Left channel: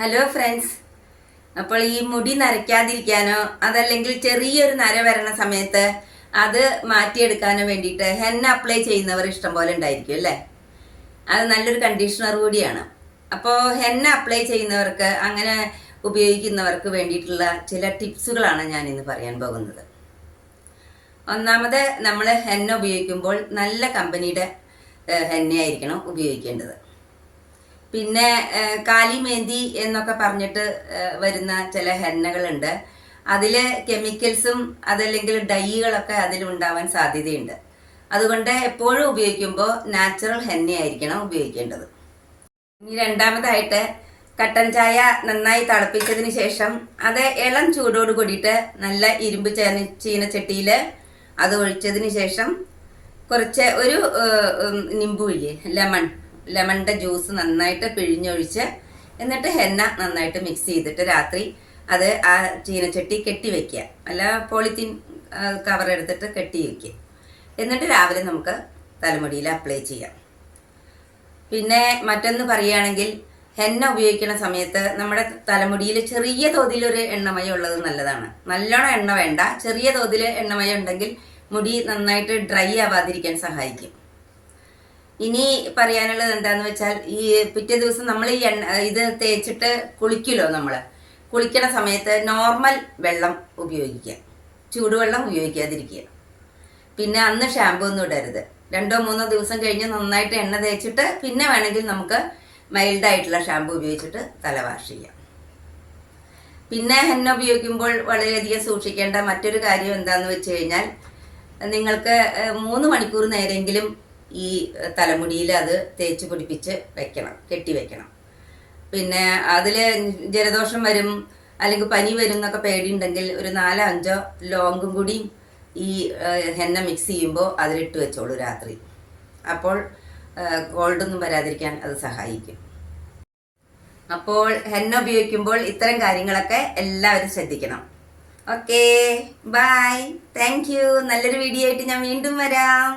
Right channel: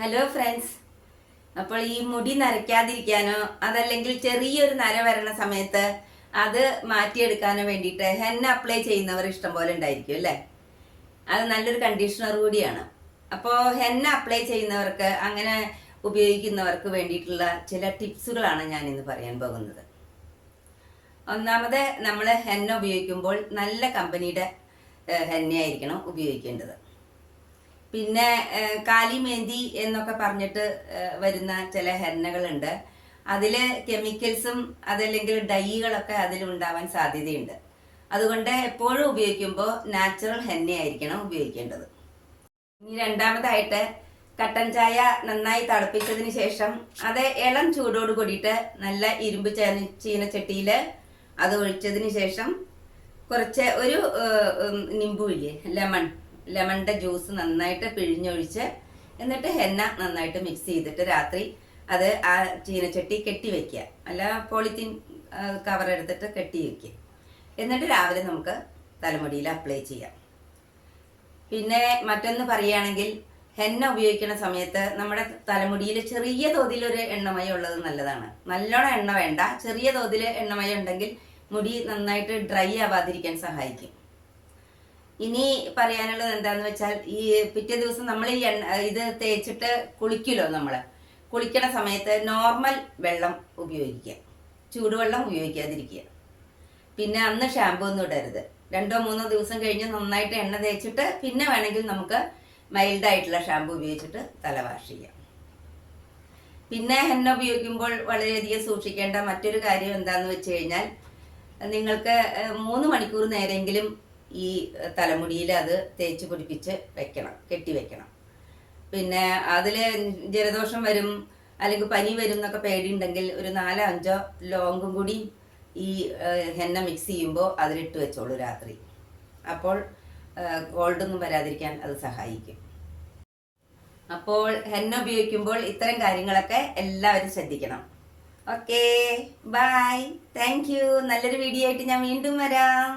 Hello friends. അപ്പോൾ ഈ മുടി നരയ്ക്കാതിരിക്കാനോ അതല്ലെങ്കിൽ ചെറിയൊരു നര വരണ സമയത്ത് അത് മാറ്റിയെടുക്കാനോ വേണ്ടിയിട്ട് ഹെന്ന അപ്ലൈ ചെയ്യുന്നവർ ഇഷ്ടംപോലെ ഉണ്ടായിരിക്കും അല്ലേ. അത് നല്ലൊരു കണ്ടീഷണർ കൂടിയാണ്. അപ്പോൾ ഹെന്ന അപ്ലൈ ചെയ്യുന്നവർക്ക്, അങ്ങനെ ഉപയോഗിക്കുന്നവർക്ക് വേണ്ടിയിട്ടുള്ള ചില ടിപ്സുകളാണ് ഞാൻ ഇന്ന് പറയാൻ പോകുന്നത്. ഒന്നാമത്, നമ്മൾ ഹെന്ന ഉപയോഗിക്കുമ്പോൾ നല്ല കമ്പനിയുടെ ഹെന്നയായിരിക്കണം ഉപയോഗിക്കേണ്ടത്. പിന്നെ കാലിമേന്തി എന്നൊക്കെ പറഞ്ഞിട്ട് വരുന്ന ചില ഹെന്നകളുണ്ട്. അതിൽ കെമിക്കൽസും അതല്ലെങ്കിൽ ഡൈകളൊക്കെ അതിലുണ്ടാവാൻ സാധ്യതയുണ്ട്. അതുകൊണ്ട് എപ്പോഴും ഉപയോഗിക്കുമ്പോൾ നാച്ചുറൽ ഹെന്നയായിരിക്കണം ഉപയോഗിക്കേണ്ടത്. ഇനി രണ്ടാമതായിട്ട്, കട്ടൻ ചായ നന്നായി തിളപ്പിച്ചതിന് ശേഷം അത് ഇളം ചൂടോട് കൂടിയിട്ട് നല്ല ഇരുമ്പ് ചീനച്ചട്ടിയിൽ അത് ഒഴിച്ചതിന് ശേഷം കുറച്ച് ഒരു നിമ്പുഴില്ലേ, ലെമണിൻ്റെ ജ്യൂസ് നന്നായിട്ട് പിഴിഞ്ഞൊഴിച്ച് എന്നിട്ട് ഹെന്ന നന്നായിട്ട് മിക്സ് ചെയ്തിട്ട് രാത്രി അത് ആ ചീനച്ചട്ടി കെട്ടി വെക്കുക. അല്ല, പോളിത്തീൻ കവർ എടുത്തിട്ട് കെട്ടി വയ്ക്കുക. എന്നിട്ട് രാവിലെ നമുക്ക് തലമുടിയിൽ അപ്ലൈ ചെയ്യാം. പിന്നെ മറ്റൊന്ന് പറയുകയാണെങ്കിൽ, ഹെന്ന ഉപയോഗിക്കുന്ന സമയത്ത് നമ്മുടെ തലമുടിയിൽ ചെറിയ തോതിലൊരു എണ്ണമയം ഉള്ളത് നല്ലതാണ്. നല്ലോണം എണ്ണ വേണ്ട, ചെറിയ തോതിൽ എണ്ണമയം ഉണ്ടെങ്കിൽ മുടി നന്നായിട്ട് ഡ്രൈ ആവാതിരിക്കാൻ സഹായിക്കും. ഇനി പറയാനുള്ളത് എന്താന്ന് വെച്ചാൽ, ഈ പിറ്റേ ദിവസം നമ്മൾ ഈ ഇത് തേച്ചിട്ട് കുളിക്കുമല്ലോ, നമ്മൾ കുളിക്കണ സമയത്ത് നോർമൽ വെള്ളം ഉപയോഗിക്കുക, ചൂടുവെള്ളം ഉപയോഗിക്കാതിരിക്കുക. പിന്നെ അന്ന് ഷാമ്പു ഒന്നും ഇടരുത്. 2-3 ദിവസം കഴിഞ്ഞ് നന്നായിട്ട് എണ്ണ തേച്ചിട്ട് പിന്നെ വേണമെങ്കിൽ നമുക്ക് മൈൽഡായിട്ടുള്ള ഷാമ്പു ഉപയോഗിച്ചിട്ട് തല വാഷ് ചെയ്യാം. പിന്നെ ഹെന്ന ഉപയോഗിക്കുമ്പോൾ വളരെയധികം സൂക്ഷിക്കേണ്ട മറ്റൊരു കാര്യം എന്താണെന്ന് വെച്ച് കഴിഞ്ഞാൽ, നിങ്ങൾക്ക് 3 മണിക്കൂർ നേരെങ്കിലും ഈ തലമുടിയിൽ അത് തേച്ച് പിടിപ്പിച്ച് വെക്കണം, കെട്ടി വെക്കണം. പിന്നെ അതിൽ ജലദോഷം വരും അല്ലെങ്കിൽ പനി വരും എന്നൊക്കെ പേടിയുണ്ടെങ്കിൽ ഒരു 4-5 ലോങ്ങും കൂടി ഈ ഹെന്ന മിക്സ് ചെയ്യുമ്പോൾ അതിലിട്ട് വെച്ചോളൂ രാത്രി. അപ്പോൾ കോൾഡൊന്നും വരാതിരിക്കാൻ അത് സഹായിക്കും. അപ്പോൾ ഹെന്ന ഉപയോഗിക്കുമ്പോൾ ഇത്തരം കാര്യങ്ങളൊക്കെ എല്ലാവരും ശ്രദ്ധിക്കണം. Okay, bye, thank you. നല്ലൊരു വീഡിയോ ആയിട്ട് ഞാൻ വീണ്ടും വരാം.